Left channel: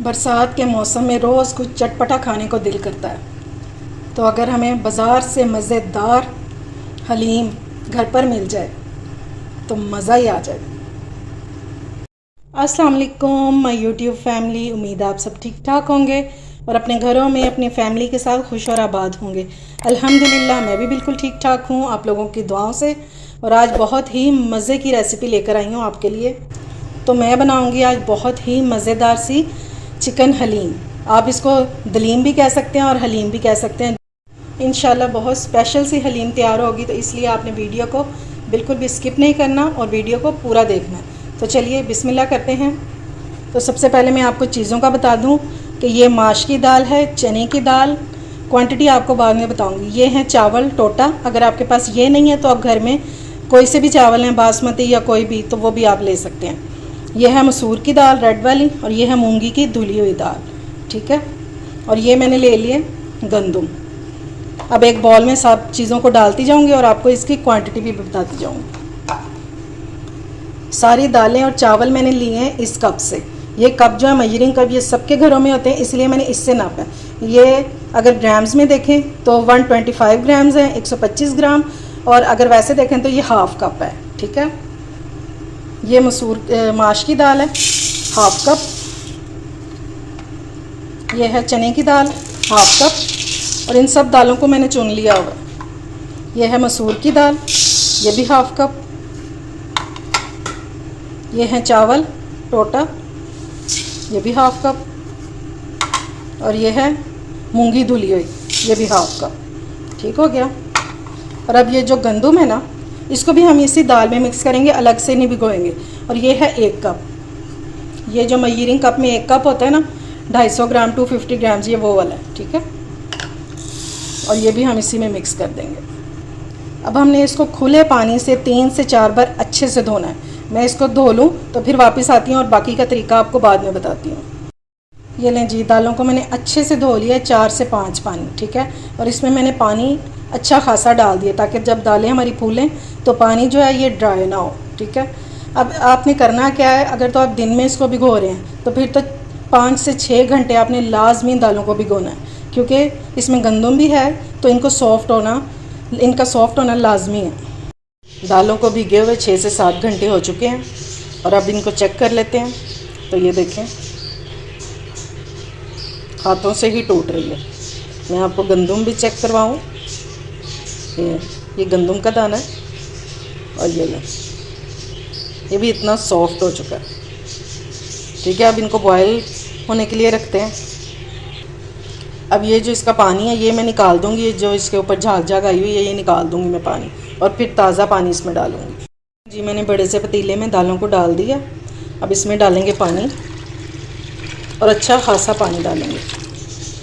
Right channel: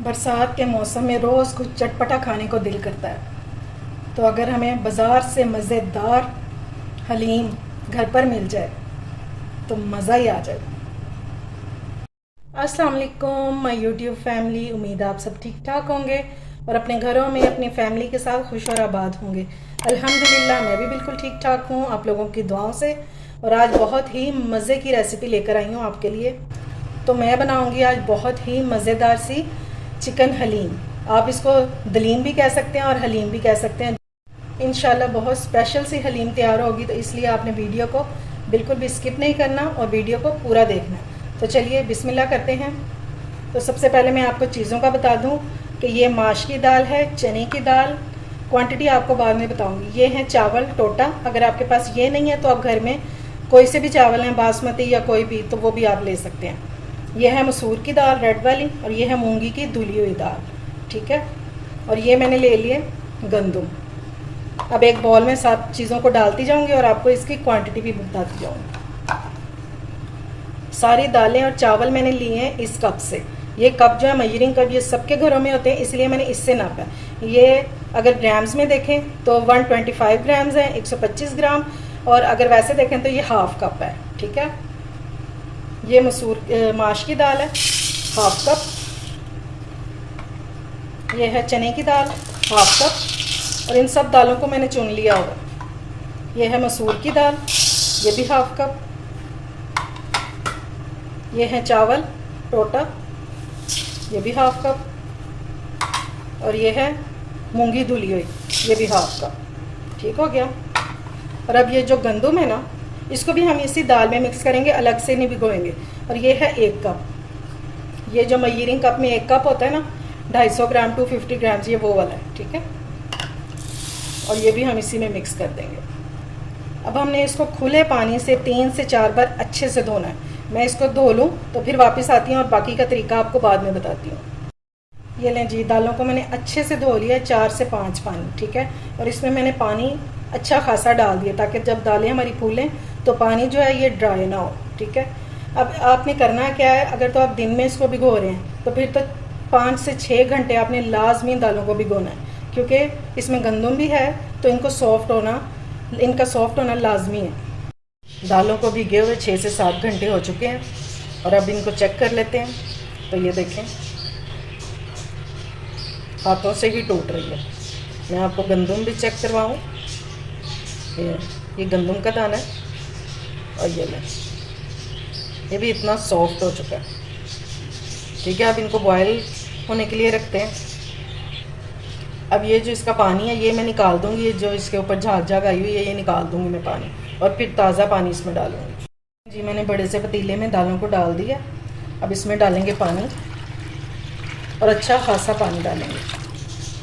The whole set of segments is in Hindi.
बरसात के मौसम में रोज़ कुछ चटपटा खाने को दिल करता है। तो अगर हमें बाज़ार से मज़ेदार हलीम घर पर मिल जाए तो मज़ा ही आ जाए। अस्सलाम वालेकुम माय यूट्यूब फैमिली, उम्मीद है आप सब ठीक ठाक होंगे और अपने घरों में अपनी फैमिली के साथ खुश और आबाद होंगे। अल्हम्दुलिल्लाह मैं भी बिल्कुल ठीक ठाक हूँ आप लोगों की दुआओं से। और आज बहुत ही मज़े की रेसिपी लेकर आई हूँ आपके लिए। तो मैं बनाऊँगी आज बहुत ही मज़ेदार सी चिकन हलीम। आप इसको दलीम भी कह सकते हैं और हलीम भी कह सकते हैं। इंशाल्लाह बहुत स्पेशल सी हलीम तैयार होगी, तो इसलिए आपने वीडियो को बिल्कुल भी स्किप नहीं करना और वीडियो को पूरा देखना है। तो चलिए बिस्मिल्लाह करते हैं। तो सबसे पहले मैं आपको चीज़ों का बता दूं कि ये माश की दाल है, चने की दाल, क्वांटिटी आपको बाद में बताऊंगी। ये हैं चावल टोटा, अगर आपके पास ये नहीं है तो आप घर में कोई से भी चावल हैं, बासमती या कोई भी, तो वो भी आप ले सकते हैं। ये है मसूर की दाल रेड वाली और ये है मूंगी की धुली हुई दाल, ठीक है। और ये मैंने ले लिए गंदम। अब एक बॉल में सब चीज़ों को डालती जाऊंगी और आपको इसकी क्वांटिटी भी बताती जाऊंगी। सारी दालें और चावल मैंने लिए हैं इस कप से। ये कप जो है मेजरिंग कप, ये सबके घरों में होते हैं, इसलिए मैंने इससे नापा है। ये अगर ग्राम्स में देखें तो 125 ग्राम्स है, 125 ग्राम। और अगर वैसे देखें तो ये हाफ कप है, ठीक है। ये मसूर माश की दाल है हाफ कप। ये है चने की दाल हाफ कप और इन सब दालों को मैंने चुन लिया हुआ है। ये है मसूर की दाल, ये भी हाफ कप। ये है चावल टोटा, ये भी हाफ कप। और ये है मूंगी धुली हुई, ये भी हाफ कप, ठीक हो गया। और अब ये जो गंदम है ना, इसको भी हम इसी दाल में मिक्स करेंगे, अलग से नहीं भिगोएंगे। और ये है 1 कप। ये जो मेजरिंग कप में 1 कप होता है ना, 250 ग्राम 250 ग्राम्स, ये वो वाला है, ठीक है। और ये भी हम इसी में मिक्स कर देंगे। अब हमने इसको खुले पानी से 3 से 4 बार अच्छे से धोना है। मैं इसको धो लूँ तो फिर वापस आती हूँ और बाकी का तरीका आपको बाद में बताती हूँ। ये लें जी, दालों को मैंने अच्छे से धो लिया 4 से 5 पानी, ठीक है। और इसमें मैंने पानी अच्छा खासा डाल दिया ताकि जब दालें हमारी फूलें तो पानी जो है ये ड्राई ना हो, ठीक है। अब आपने करना क्या है, अगर तो आप दिन में इसको भिगो रहे हैं तो फिर तो 5 से 6 घंटे आपने लाजमी दालों को भिगोना है, क्योंकि इसमें गंदम भी है तो इनका सॉफ्ट होना लाजमी है। दालों को भिगे हुए 6 से 7 घंटे हो चुके हैं और अब इनको चेक कर लेते हैं। तो ये देखें, हाथों से ही टूट रही है। मैं आपको गंदम भी चेक करवाऊँ। ये गंदम का दाना है और ये भी इतना सॉफ्ट हो चुका है, ठीक है। अब इनको बॉयल होने के लिए रखते हैं। अब ये जो इसका पानी है ये मैं निकाल दूंगी, ये जो इसके ऊपर झाग झाग आई हुई है ये निकाल दूंगी मैं पानी, और फिर ताज़ा पानी इसमें डालूंगी। जी मैंने बड़े से पतीले में दालों को डाल दिया। अब इसमें डालेंगे पानी और अच्छा खासा पानी डालेंगे,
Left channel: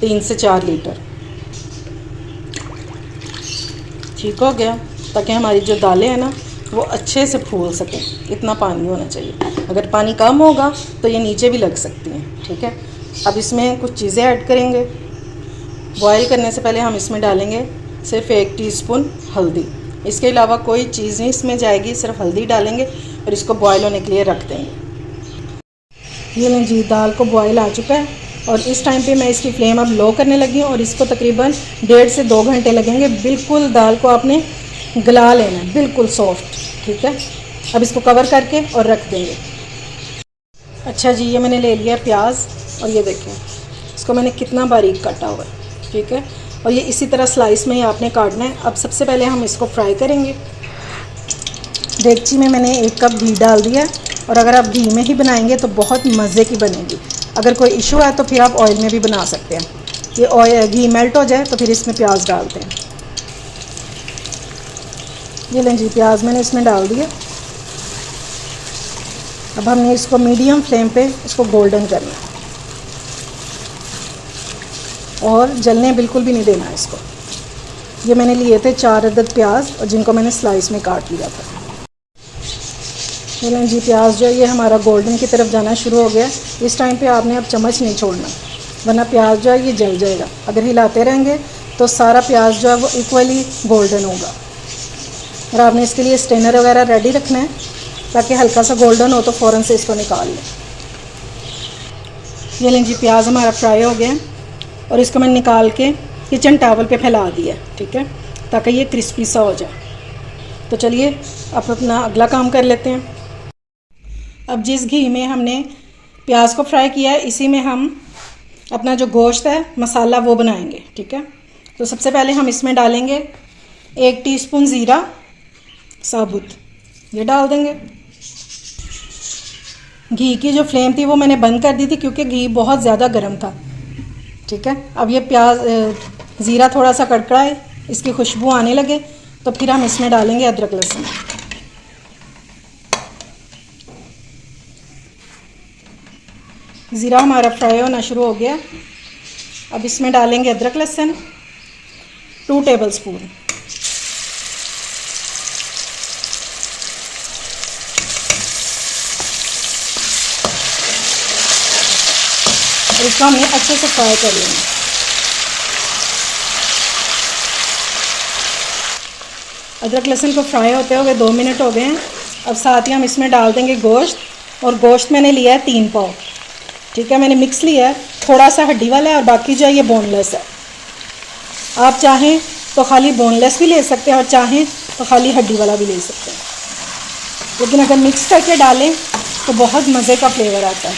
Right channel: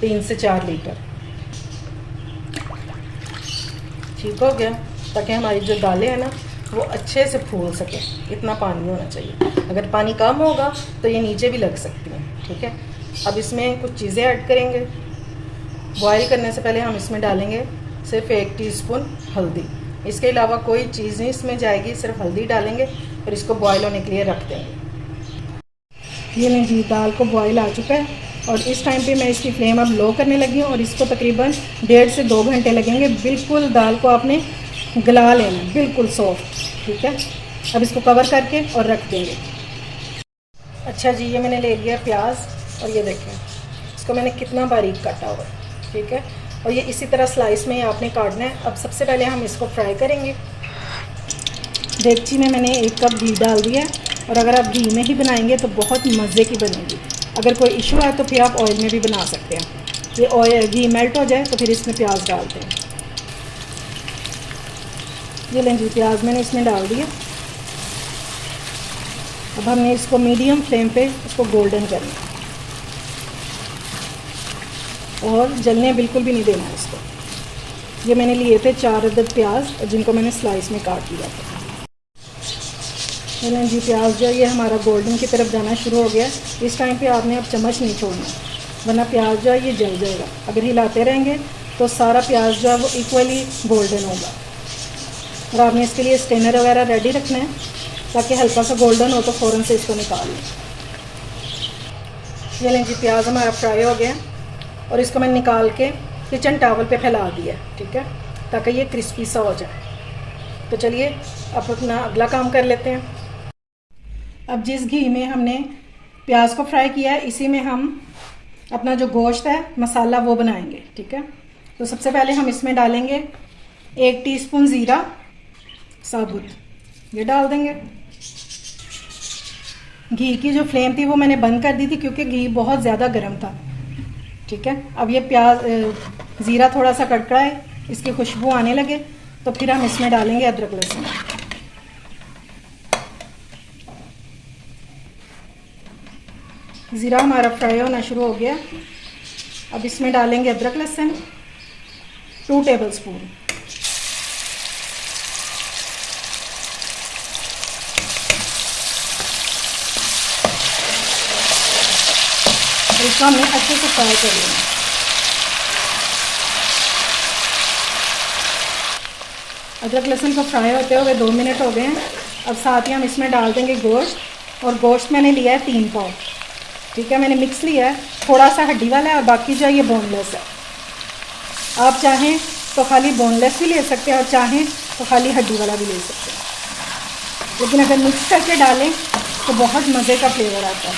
3 से 4 लीटर, ठीक हो गया। ताकि हमारी जो दालें हैं ना वो अच्छे से फूल सकें, इतना पानी होना चाहिए। अगर पानी कम होगा तो ये नीचे भी लग सकती हैं, ठीक है। अब इसमें कुछ चीज़ें ऐड करेंगे। बॉयल करने से पहले हम इसमें डालेंगे सिर्फ 1 टीस्पून हल्दी। इसके अलावा कोई चीज़ नहीं इसमें जाएगी, सिर्फ हल्दी डालेंगे और इसको बॉयल होने के लिए रख देंगे। ये नहीं जी, दाल को बॉयल आ चुका है और इस टाइम पे मैं इसकी फ्लेम अब लो करने लगी हूँ और इसको तकरीबन 1.5 से 2 घंटे लगेंगे। बिल्कुल दाल को आपने गला लेना है, बिल्कुल सॉफ्ट, ठीक है। अब इसको कवर करके और रख देंगे। अच्छा जी, ये मैंने ले लिया प्याज और ये देखें इसको मैंने कितना बारीक काटा हुआ है, ठीक है। और ये इसी तरह स्लाइस में ही आपने काटना है। अब सबसे पहले हम इसको फ्राई करेंगे। देगची में मैंने 1 कप घी डाल दिया और अगर आप घी में ही बनाएंगे तो बहुत मज़े की बनेगी। अगर कोई इशू है तो फिर आप ऑयल में भी बना सकते हैं। ये घी मेल्ट हो जाए तो फिर इसमें प्याज डालते हैं। ये लें जी, प्याज मैंने इसमें डाल दिया। अब हमने इसको मीडियम फ्लेम पे इसको गोल्डन करना है और जलने बिल्कुल भी नहीं देना है इसको। ये मैंने लिए थे 4 अदद प्याज और जिनको मैंने स्लाइस में काट लिया था। ये जी, प्याज जो है ये हमारा गोल्डन की तरफ जाना शुरू हो गया। इस टाइम पे आपने अब चम्मच नहीं छोड़ना, वरना प्याज जो है ये जल जाएगा। अगर हिलाते रहेंगे तो सारा प्याज जो है वो इक्वली गोल्डन होगा। और आपने इसके लिए स्ट्रेनर वगैरह रेडी रखना है ताकि हल्का सा गोल्डन हो तो फ़ौरन से इसको निकाल लें। ये लें जी, प्याज हमारा फ्राई हो गया और इसको मैंने निकाल के किचन टॉवल पे फैला दिया, ठीक है, ताकि ये क्रिस्पी सा हो जाए। तो चलिए अब अपना अगला काम कर लेते हैं। अब जिस घी में हमने प्याज को फ्राई किया है, इसी में हम अपना जो गोश्त है मसाला वो बनाएंगे, ठीक है। तो सबसे पहले हम इसमें डालेंगे 1 टीस्पून ज़ीरा साबुत, ये डाल देंगे। घी की जो फ्लेम थी वो मैंने बंद कर दी थी क्योंकि घी बहुत ज़्यादा गर्म था, ठीक है। अब ये ज़ीरा थोड़ा सा कड़कड़ाए, इसकी खुशबू आने लगे तो फिर हम इसमें डालेंगे अदरक लहसुन। ज़ीरा हमारा फ्राई होना शुरू हो गया। अब इसमें डालेंगे अदरक लहसुन 2 टेबलस्पून। और इसको हमें अच्छे से फ्राई कर लेना। अदरक लहसुन को फ्राई होते हुए 2 मिनट हो गए हैं। अब साथ ही हम इसमें डाल देंगे गोश्त, और गोश्त मैंने लिया है 3 पाव, ठीक है। मैंने मिक्स लिया है, थोड़ा सा हड्डी वाला है और बाकी जो है ये बोनलेस है। आप चाहें तो खाली बोनलेस भी ले सकते हैं और चाहें तो खाली हड्डी वाला भी ले सकते हैं, लेकिन अगर मिक्स करके डालें तो बहुत मज़े का फ्लेवर आता है।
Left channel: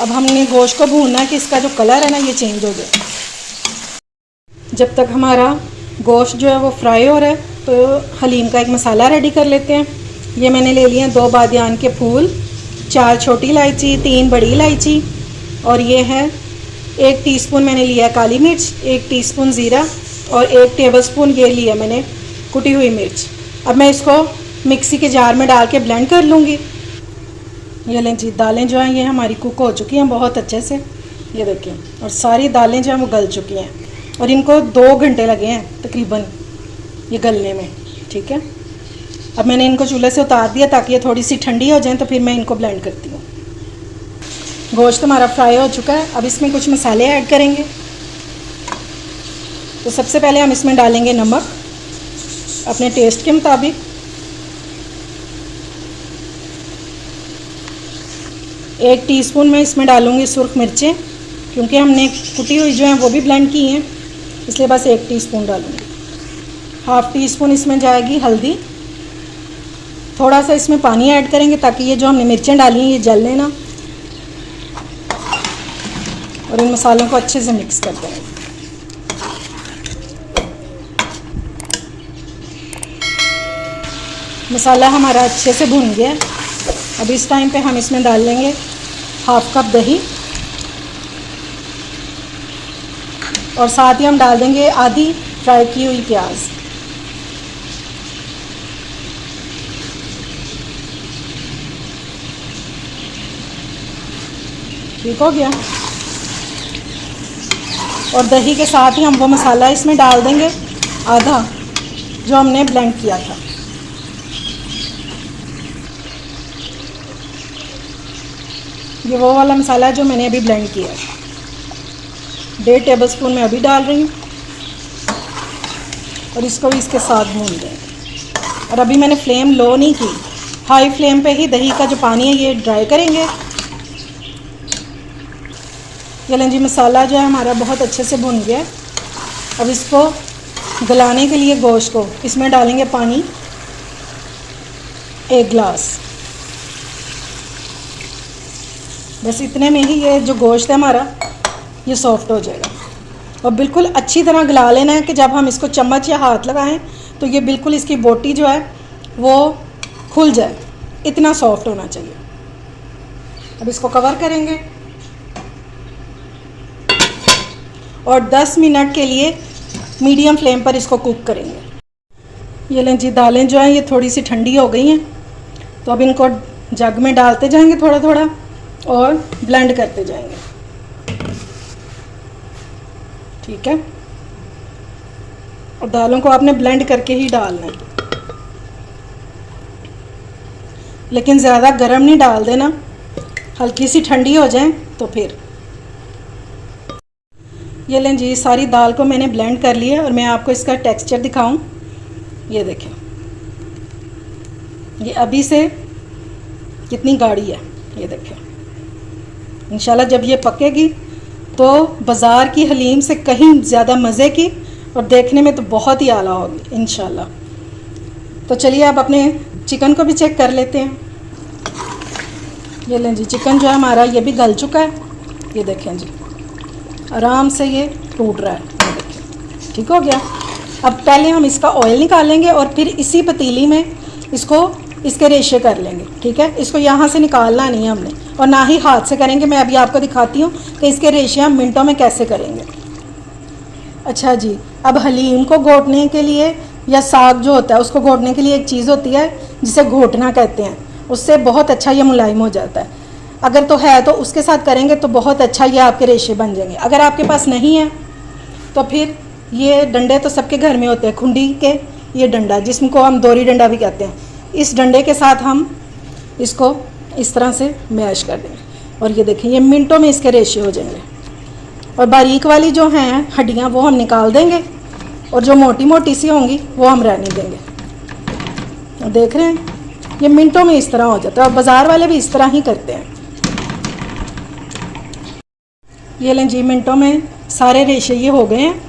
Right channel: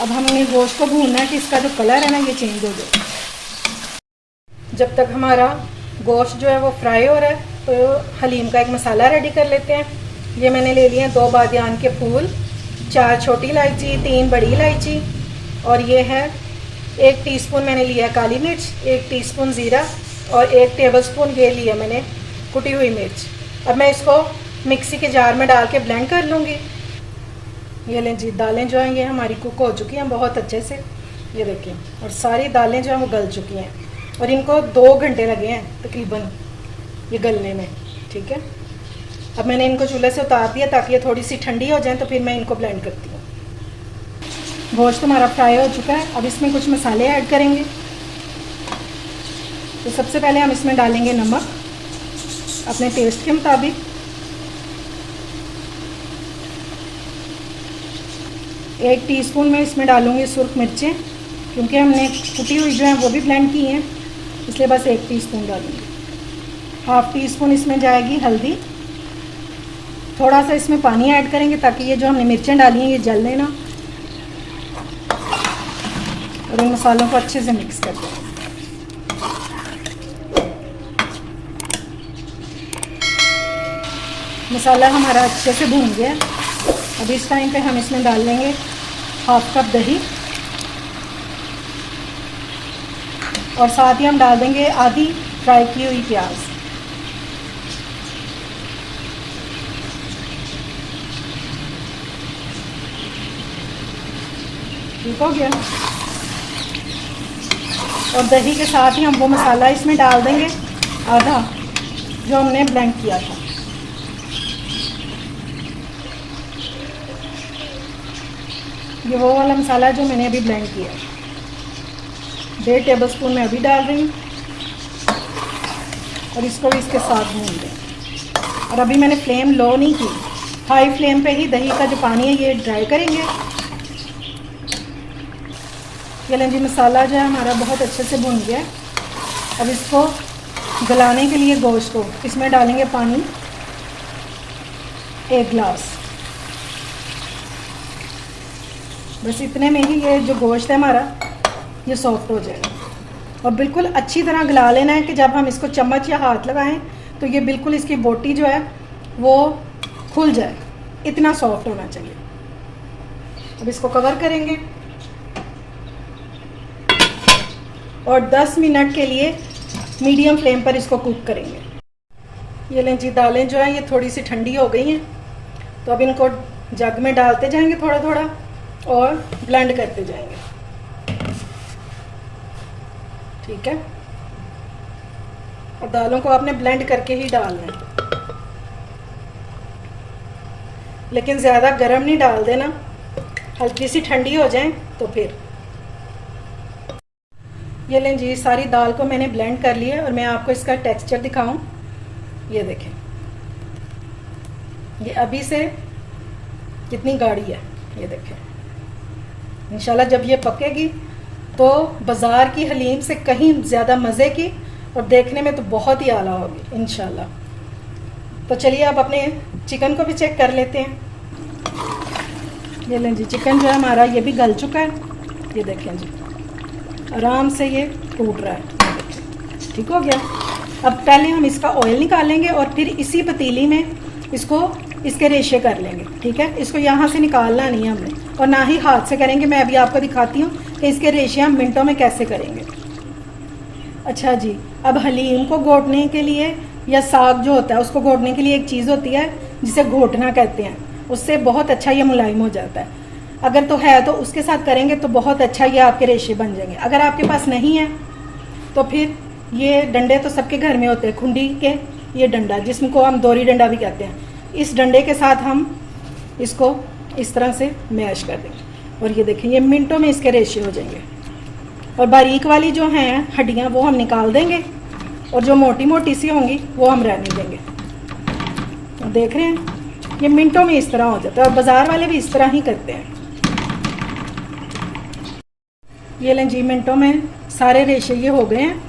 अब हमने गोश्त को भूनना है कि इसका जो कलर है ना ये चेंज हो जाए। जब तक हमारा गोश्त जो है वो फ्राई हो रहा है तो हलीम का एक मसाला रेडी कर लेते हैं। ये मैंने ले लिए हैं 2 बादियान के फूल, 4 छोटी इलायची, 3 बड़ी इलायची, और ये है 1 टीस्पून मैंने लिया काली मिर्च, 1 टीस्पून ज़ीरा और 1 टेबलस्पून ये लिया मैंने कुटी हुई मिर्च। अब मैं इसको मिक्सी के जार में डाल के ब्लेंड कर लूँगी। ये लें जी, दालें जो हैं ये हमारी कुक हो चुकी हैं बहुत अच्छे से, ये देखिए, और सारी दालें जो हैं वो गल चुकी हैं और इनको 2 घंटे लगे हैं तकरीबन ये गलने में, ठीक है। अब मैंने इनको चूल्हे से उतार दिया ताकि ये थोड़ी सी ठंडी हो जाए, तो फिर मैं इनको ब्लेंड करती हूँ। गोश्त हमारा फ्राई हो चुका है। अब इसमें कुछ मसाले ऐड करेंगे। तो सबसे पहले हम इसमें डालेंगे नमक अपने टेस्ट के मुताबिक, एक टीस्पून में इसमें डालूंगी सुर्ख मिर्चें, क्योंकि हमने कुटी हुई जो है वो भी ब्लेंड की हैं, इसलिए बस 1 टीस्पून डालूंगी। हाफ़ टीस्पून इसमें जाएगी हल्दी। थोड़ा सा इसमें पानी ऐड करेंगे ताकि ये जो हमने मिर्चें डाली हैं ये जलने ना, और इन मसालों को अच्छे से मिक्स कर देंगे। मसाला हमारा अच्छे से भुन गया। अब इस टाइम पे हम इसमें डाल लेंगे 1/2 कप दही, और साथ ही हम डाल देंगे आधी फ्राई की हुई प्याज। ठीक हो गया। और दही के साथ ही हम वो मसाला इसमें डाल देंगे आधा जो हमने ब्लेंड किया था। ये वो वाला मसाला है जो मैंने अभी ब्लेंड किया है। 1.5 टेबलस्पून मैं अभी डाल रही हूँ और इसको भी इसके साथ भून दें। और अभी मैंने फ्लेम लो नहीं की, हाई फ्लेम पे ही दही का जो पानी है ये ड्राई करेंगे। ये लें जी, मसाला जो है हमारा बहुत अच्छे से भुन गया। अब इसको गलाने के लिए गोश्त को इसमें डालेंगे पानी 1 गिलास। बस इतने में ही ये जो गोश्त है हमारा ये सॉफ्ट हो जाएगा। और बिल्कुल अच्छी तरह गला लेना है कि जब हम इसको चम्मच या हाथ लगाएं तो ये बिल्कुल इसकी बोटी जो है वो खुल जाए, इतना सॉफ्ट होना चाहिए। अब इसको कवर करेंगे और 10 मिनट के लिए मीडियम फ्लेम पर इसको कुक करेंगे। ये लें जी, दालें जो हैं ये थोड़ी सी ठंडी हो गई हैं, तो अब इनको जग में डालते जाएंगे थोड़ा थोड़ा और ब्लेंड करते जाएंगे, ठीक है। और दालों को आपने ब्लेंड करके ही डालना है, लेकिन ज़्यादा गर्म नहीं डाल देना, हल्की सी ठंडी हो जाए तो फिर। ये लें जी, सारी दाल को मैंने ब्लेंड कर लिया और मैं आपको इसका टेक्सचर दिखाऊं। ये देखें, ये अभी से कितनी गाढ़ी है, ये देखें। इंशाल्लाह जब ये पकेगी तो बाज़ार की हलीम से कहीं ज़्यादा मज़े की और देखने में तो बहुत ही आला होगी इंशाल्लाह। तो चलिए अब अपने चिकन को भी चेक कर लेते हैं। ये लें जी, चिकन जो है हमारा ये भी गल चुका है। ये देखें जी, आराम से ये टूट रहा है, ये देखें, ठीक हो गया। अब पहले हम इसका ऑयल निकालेंगे और फिर इसी पतीली में इसको इसके रेशे कर लेंगे, ठीक है। इसको यहाँ से निकालना नहीं है हमने, और ना ही हाथ से करेंगे। मैं अभी आपको दिखाती हूँ कि इसके रेशे हम मिनटों में कैसे करेंगे। अच्छा जी, अब हलीम को घोटने के लिए या साग जो होता है उसको घोटने के लिए एक चीज़ होती है जिसे घोटना कहते हैं। उससे बहुत अच्छा ये मुलायम हो जाता है। अगर तो है तो उसके साथ करेंगे तो बहुत अच्छा ये आपके रेशे बन जाएंगे। अगर आपके पास नहीं है तो फिर ये डंडे तो सबके घर में होते हैं, खुंडी के ये डंडा जिसको हम दोरी डंडा भी कहते हैं, इस डंडे के साथ हम इसको इस तरह से मैश कर देंगे और ये देखें ये मिनटों में इसके रेशे हो जाएंगे। और बारीक वाली जो हैं हड्डियाँ वो हम निकाल देंगे और जो मोटी मोटी सी होंगी वो हम रहने देंगे। तो देख रहे हैं ये मिनटों में इस तरह हो जाता है, और बाज़ार वाले भी इस तरह ही करते हैं। ये लें जी, मिनटों में सारे रेशे ये हो गए हैं।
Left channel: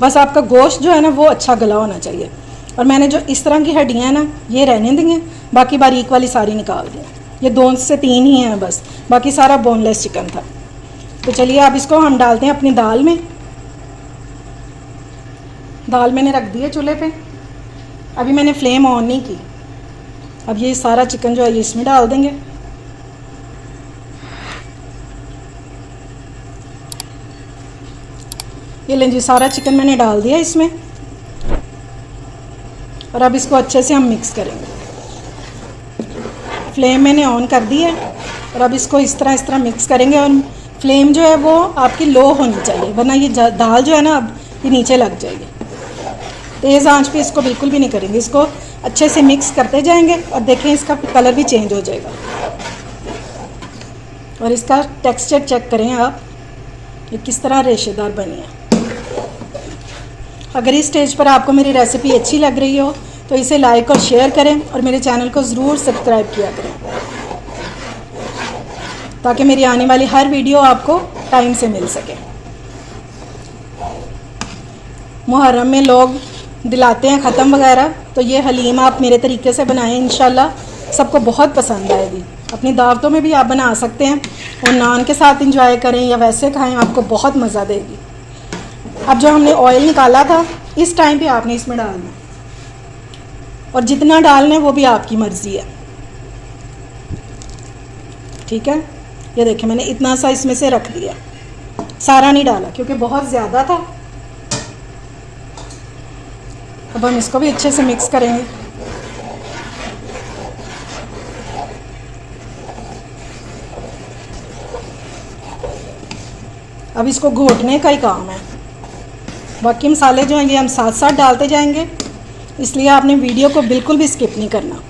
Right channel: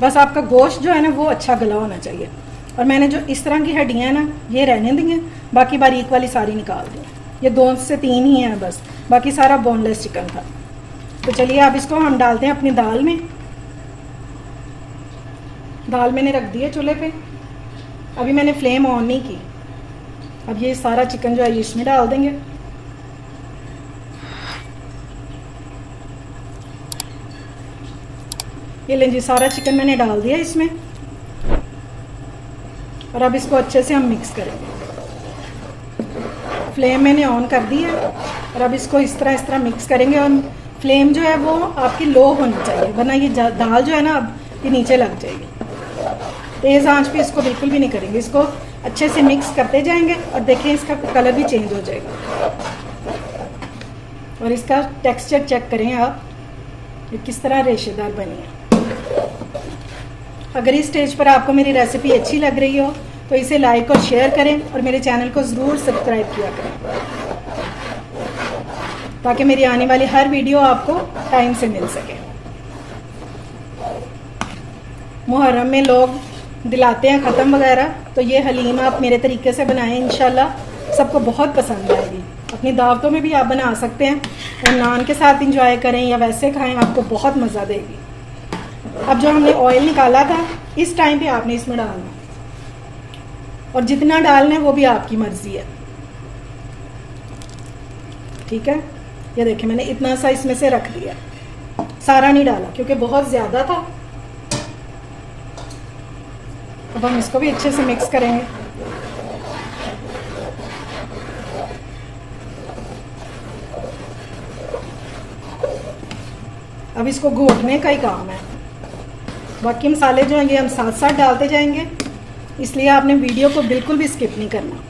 बस आपका गोश्त जो है ना वो अच्छा गला होना चाहिए। और मैंने जो इस तरह की हड्डियाँ हैं ना ये रहने देंगे, बाकी बारीक वाली सारी निकाल दें। ये 2 से 3 ही हैं बस, बाकी सारा बोनलेस चिकन था। तो चलिए अब इसको हम डालते हैं अपनी दाल में। दाल मैंने रख दी है चूल्हे पे, अभी मैंने फ्लेम ऑन नहीं की। अब ये सारा चिकन जो है ये इसमें डाल देंगे। ये लें जी, सारा चिकन मैंने डाल दिया इसमें, और अब इसको अच्छे से हम मिक्स करेंगे। फ्लेम मैंने ऑन कर दी है और अब इसको इस तरह मिक्स करेंगे। और फ्लेम जो है वो आपकी लो होनी चाहिए, वरना ये दाल जो है ना अब ये नीचे लग जाएगी। तेज़ आंच पे इसको बिल्कुल भी नहीं करेंगे, इसको अच्छे से मिक्स करते जाएंगे। और देखें इसका कलर भी चेंज हो जाएगा। और इसका टेक्सचर चेक करें आप, ये किस तरह रेशेदार बनी है। अगर इस स्टेज पर आपको मेरी रेसिपी अच्छी लग रही हो तो इसे लाइक और शेयर करें और मेरे चैनल को ज़रूर सब्सक्राइब किया करें, ताकि मेरी आने वाली हर वीडियो आपको टाइम से मिल सके। मुहर्रम में लोग दिलाते हैं ख़त्म वगैरह, तो ये हलीम आप मेरे तरीके से बनाएं, इंशाल्लाह सबको बहुत पसंद आएगी। अपनी दावतों में भी आप बना सकते हैं और नान के साथ इंजॉय करें या वैसे खाएं, आपको बहुत मज़ा देगी। अब जो हमने ऑयल निकाला था इस टाइम पे आपने इसमें डालना है, और जितना डालना है वो भी आपकी मर्ज़ी है, ठीक है। ये देखिए मैंने इतना सा इसमें से रख दिया, सारा नहीं डाला क्योंकि बहुत ज़्यादा था। अब हम इसको भी अच्छे से मिक्स करेंगे। अब इसको घोटने का ही काम है, बाकी मसाले जो हैं ये हम साथ साथ डालते जाएंगे, इसलिए आपने वीडियो को बिल्कुल भी स्किप नहीं करना।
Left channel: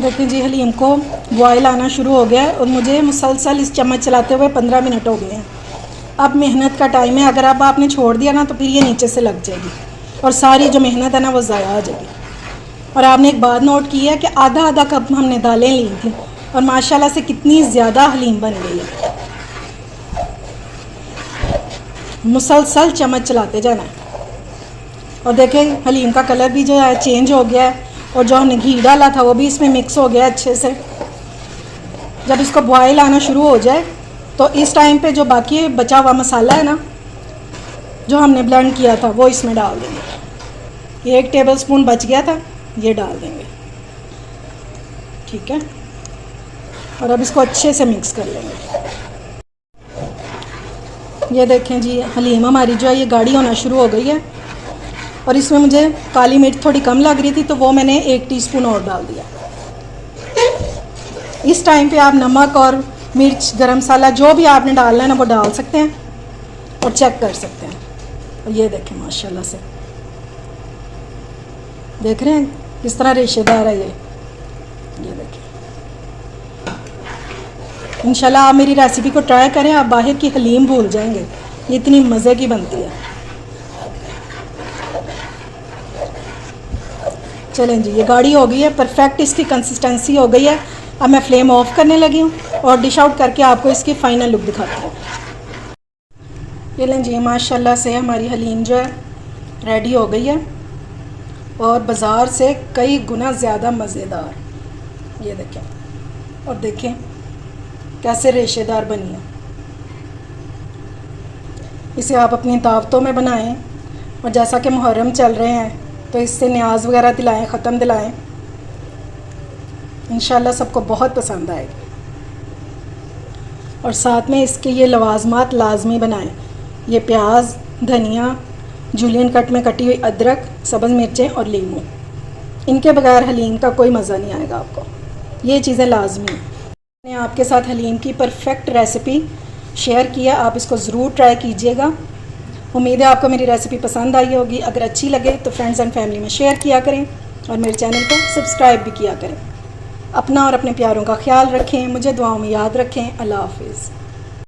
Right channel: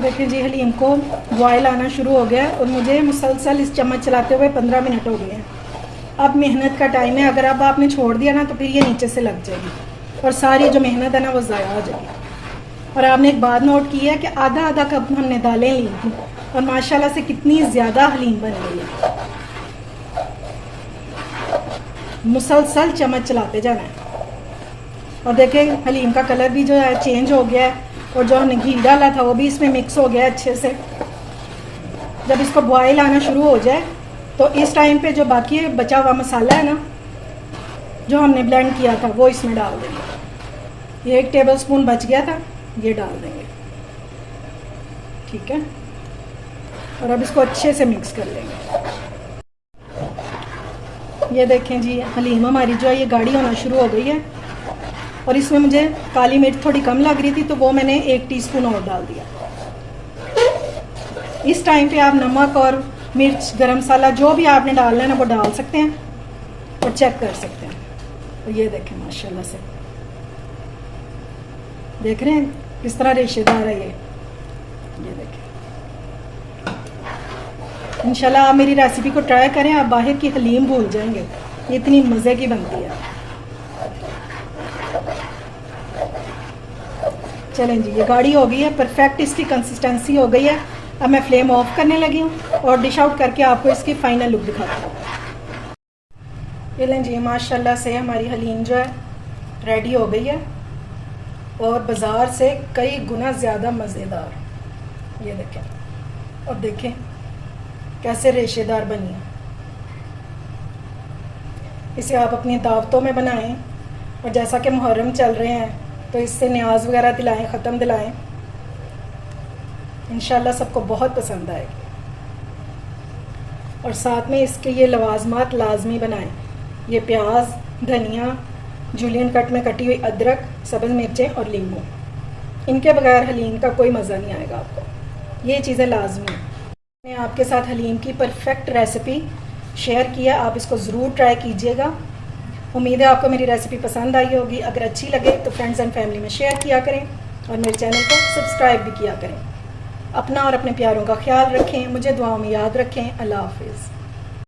देखिए जी, हलीम को बॉयल आना शुरू हो गया है और मुझे मुसलसल इस चम्मच चलाते हुए 15 मिनट हो गए हैं। अब मेहनत का टाइम है, अगर अब आपने छोड़ दिया ना तो फिर ये नीचे से लग जाएगी और सारी जो मेहनत है ना वो ज़ाया हो जाएगी। और आपने एक बात नोट की है कि आधा आधा कप हमने दालें ली थी और माशाल्लाह से कितनी ज़्यादा हलीम बन गई है। मुसलसल चम्मच चलाते जाना है। और देखें हलीम का कलर भी जो है चेंज हो गया है, और जो हमने घी डाला था वो भी इसमें मिक्स हो गया अच्छे से। जब इसको बॉयल आना शुरू हो जाए तो इस टाइम पे जो बाकी बचा हुआ मसाला है ना जो हमने ब्लेंड किया था वो इसमें डाल देंगे। ये 1 टेबलस्पून बच गया था, ये डाल देंगे, ठीक है। और अब इसको अच्छे से मिक्स कर लेंगे। ये देखें जी, हलीम हमारी जो है ये गाढ़ी होना शुरू हो गई है, और इसमें मुझे काली मिर्च थोड़ी कम लग रही थी तो वो मैंने 1 टीस्पून और डाल दिया। इस टाइम पे आप नमक और मिर्च, गरम मसाला जो भी आपने डालना है ना वो डाल सकते हैं और चेक कर सकते हैं। और ये देखें माशाल्लाह से, देख रहे हैं किस तरह रेशेदार है ये देखें। इंशाल्लाह आप मेरी रेसिपी को ट्राई करें, आप बाहर की हलीम भूल जाएंगे, ये इतनी मज़े की बनती है। चलें जी, ये गाढ़ी हो गई है, परफेक्ट इसकी कंसिस्टेंसी हो गई है। अब मैं फ्लेम ऑफ करने लगी हूँ और डिश आउट करके आपको इसकी फ़ाइनल लुक दिखाती हूँ। ये लें जी, माशाल्लाह से हमारी हलीम जो है रेडी हो गई है और बाज़ार से कई गुना ज़्यादा मज़ेदार। ये देखें और देखें कैसे रेशेदार बनी है। इसे आप अपनी दावतों में बनाएं और जैसा कि मुहर्रम चल रहे हैं तो इससे न्याज वगैरह दिलाएं, ख़त्म दिलाएं। इंशाल्लाह सबको बहुत पसंद आएगी। और साथ में इसके ये लवाजमात लाजमी बनाएं। ये प्याज, धनिया, जूलियन कट में कटी हुई अदरक, सब्ज़ मिर्चें और लीमू, इनके बगैर हलीम का कोई मज़ा नहीं आएगा आपको। ये चीज़ें लाजमी हैं। मैंने आपके साथ हलीम की परफेक्ट रेसिपी शेयर किया, आप इसको ज़रूर ट्राई कीजिएगा। उम्मीद है आपको मेरी रेसिपी पसंद आई होगी। अगर अच्छी लगे तो फ्रेंड्स एंड फैमिली में शेयर किया करें और मेरे चैनल को सब्सक्राइब भी किया करें। अपना और अपने प्यारों का ख्याल रखें, मुझे दुआओं में याद रखें। अल्लाह हाफिज़।